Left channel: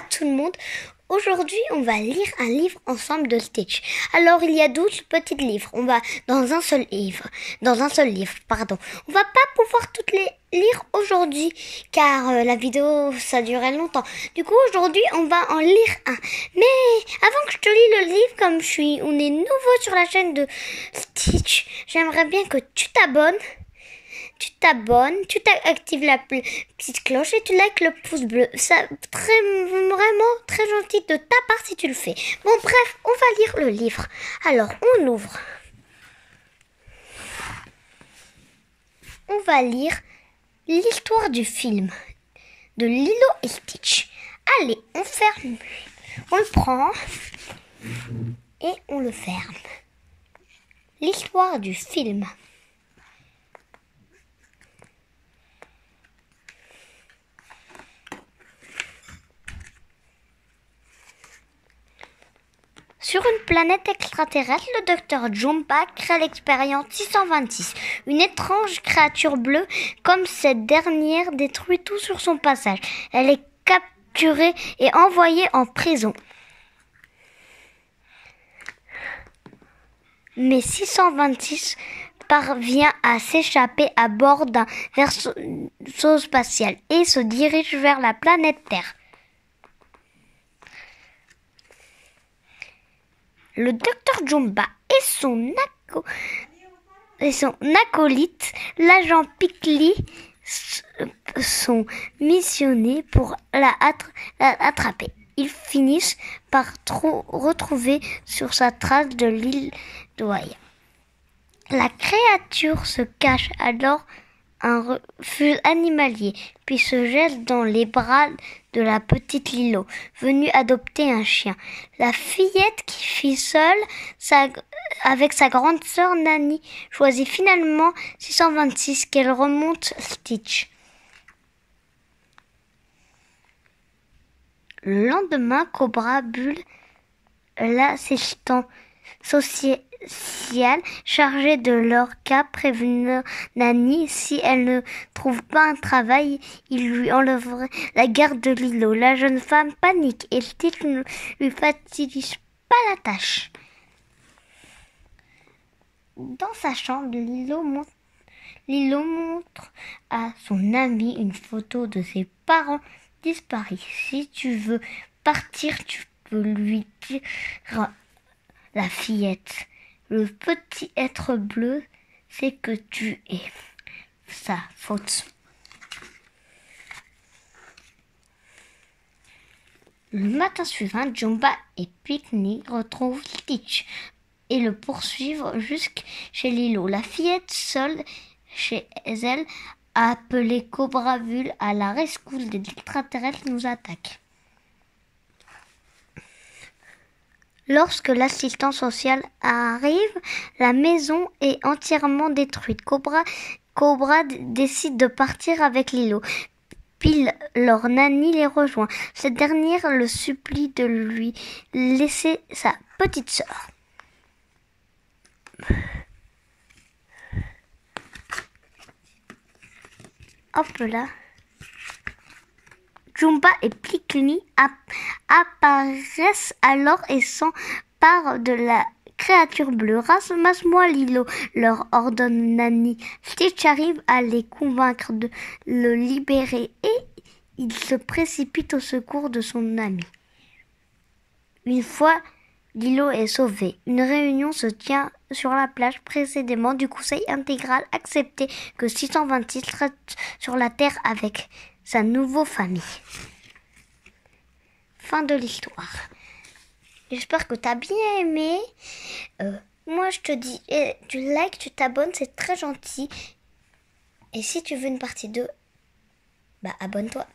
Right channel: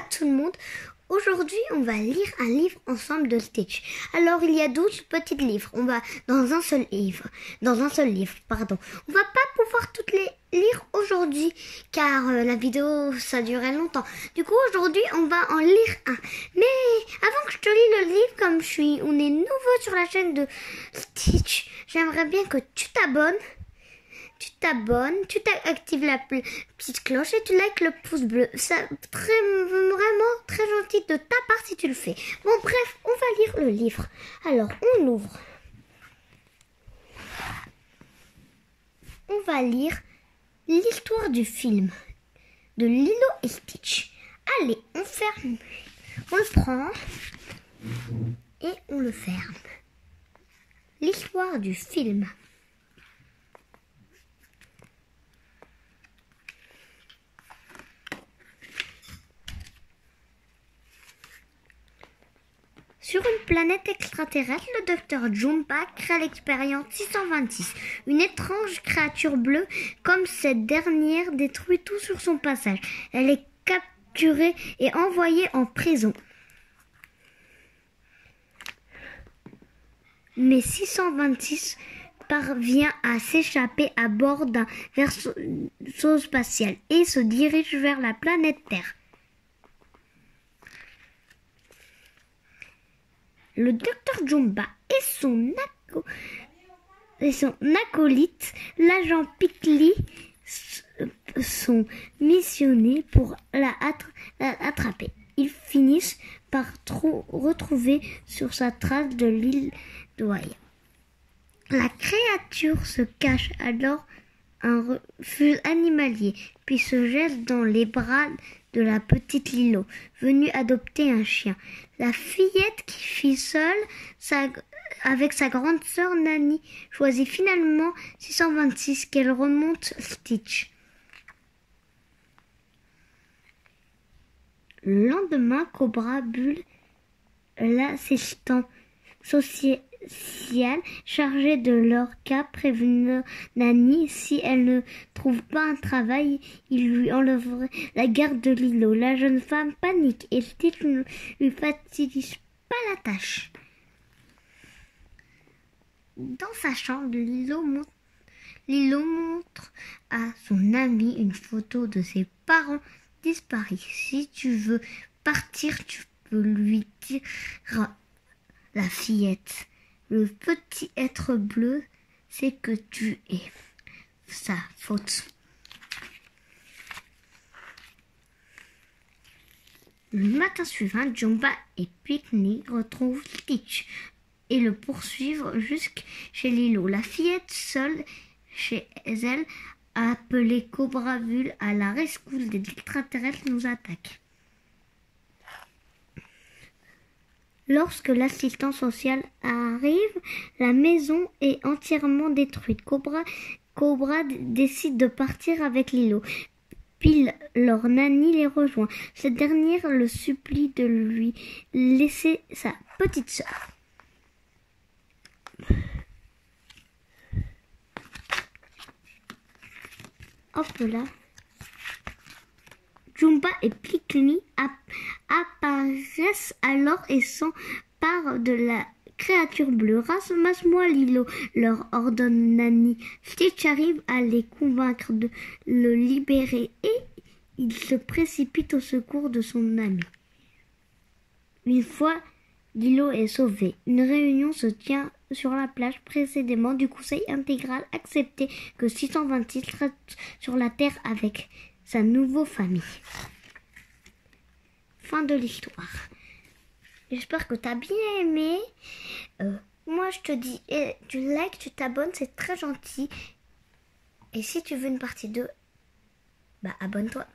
à tout le monde. Aujourd'hui, on va lire un livre ensemble de Stitch. Alors, il y a 12 petits livres. On va dans un seul livre. On va pas pouvoir toutes les lire aujourd'hui, car la vidéo, ça durait longtemps. Du coup, aujourd'hui, on va en lire un. Mais avant que je te lis le livre, comme on est nouveau sur la chaîne de Stitch, j'aimerais bien que tu t'abonnes. Tu actives la petite cloche et tu likes le pouce bleu. Ça, vraiment très gentil de ta part si tu le fais. Bon, bref, on va lire le livre. Alors, on ouvre. On va lire l'histoire du film de Lilo et Stitch. Allez, on ferme. On le prend et on le ferme. L'histoire du film. Sur une planète extraterrestre, le docteur Jumba crée l'expérience 626, une étrange créature bleue. Comme cette dernière détruit tout sur son passage, elle est capturée et envoyée en prison. Mais 626 parvient à s'échapper à bord d'un vaisseau spatial et se dirige vers la planète Terre. Le docteur Jumba et son acolyte, l'agent Pickly, sont missionnés pour la attraper. Ils finissent par retrouver sur sa trace de l'île d'Oaya. La créature se cache alors un refuge animalier, puis se jette dans les bras de la petite Lilo, venue adopter un chien. La fillette qui vit seule avec sa grande sœur Nani choisit finalement 626 qu'elle remonte Stitch. Le lendemain, Cobra Bull, l'assistant social chargé de leur cas, prévenir Nani si elle ne trouve pas un travail, il lui enlèverait la garde de Lilo. La jeune femme panique et Stitch ne lui facilite pas la tâche. Dans sa chambre, Lilo montre à son ami une photo de ses parents disparus. Si tu veux partir, tu peux lui dire la fillette. Le petit être bleu sait que tu es sa faute. Le matin suivant, Jumba et Pickney retrouvent Stitch et le poursuivent jusqu'à Lilo. La fillette, seule chez elle, a appelé Cobra Bull à la rescousse des extraterrestres nous attaquent. Lorsque l'assistant social arrive, la maison est entièrement détruite. Cobra décide de partir avec Lilo. Puis leur Nani les rejoint. Cette dernière le supplie de lui laisser sa petite sœur. Hop là. Jumba et Pickney apparaissent alors et s'emparent de la créature bleue. Ramasse-moi Lilo, leur ordonne Nani. Stitch arrive à les convaincre de le libérer et il se précipite au secours de son ami. Une fois Lilo est sauvée, une réunion se tient sur la plage précédemment du Conseil intégral accepté que 626 reste sur la Terre avec sa nouvelle famille. Fin de l'histoire. J'espère que tu as bien aimé. Moi, je te dis, tu likes, tu t'abonnes, c'est très gentil. Et si tu veux une partie 2, abonne-toi.